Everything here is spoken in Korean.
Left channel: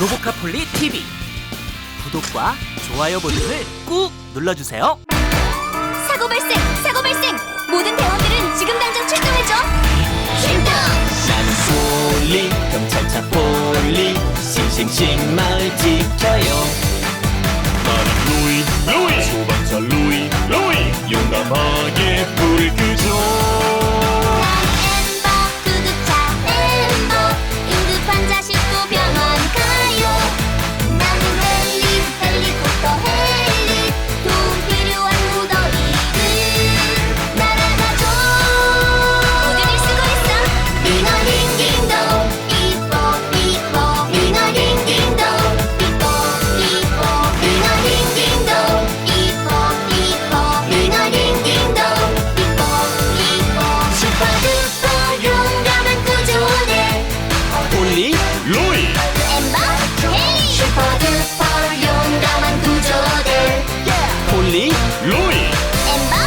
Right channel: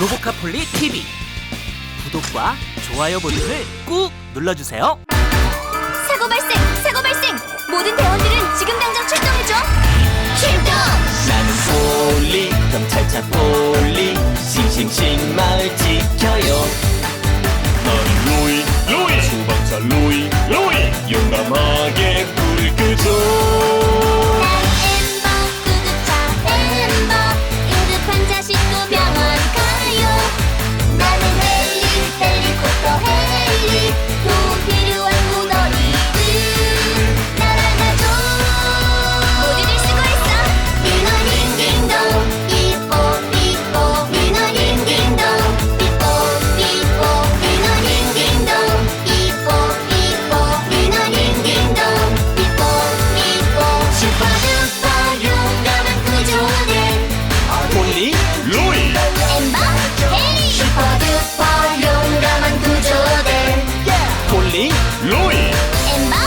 로보카폴리 TV 구독과 좋아요 버튼을 꾹 눌러주세요. 사고 발생! 사고 발생! 모든 대원들은 지금 당장 출동해줘! 출동! 나는 폴리 경찰차 폴리 싱싱싱 마을 지켜요 나는 로이 로이 소방차 로이 로이 용감하게 불 끄죠 햄버 해리. 슈퍼듀퍼 용감한 구조들. 폴리 로이. 엠버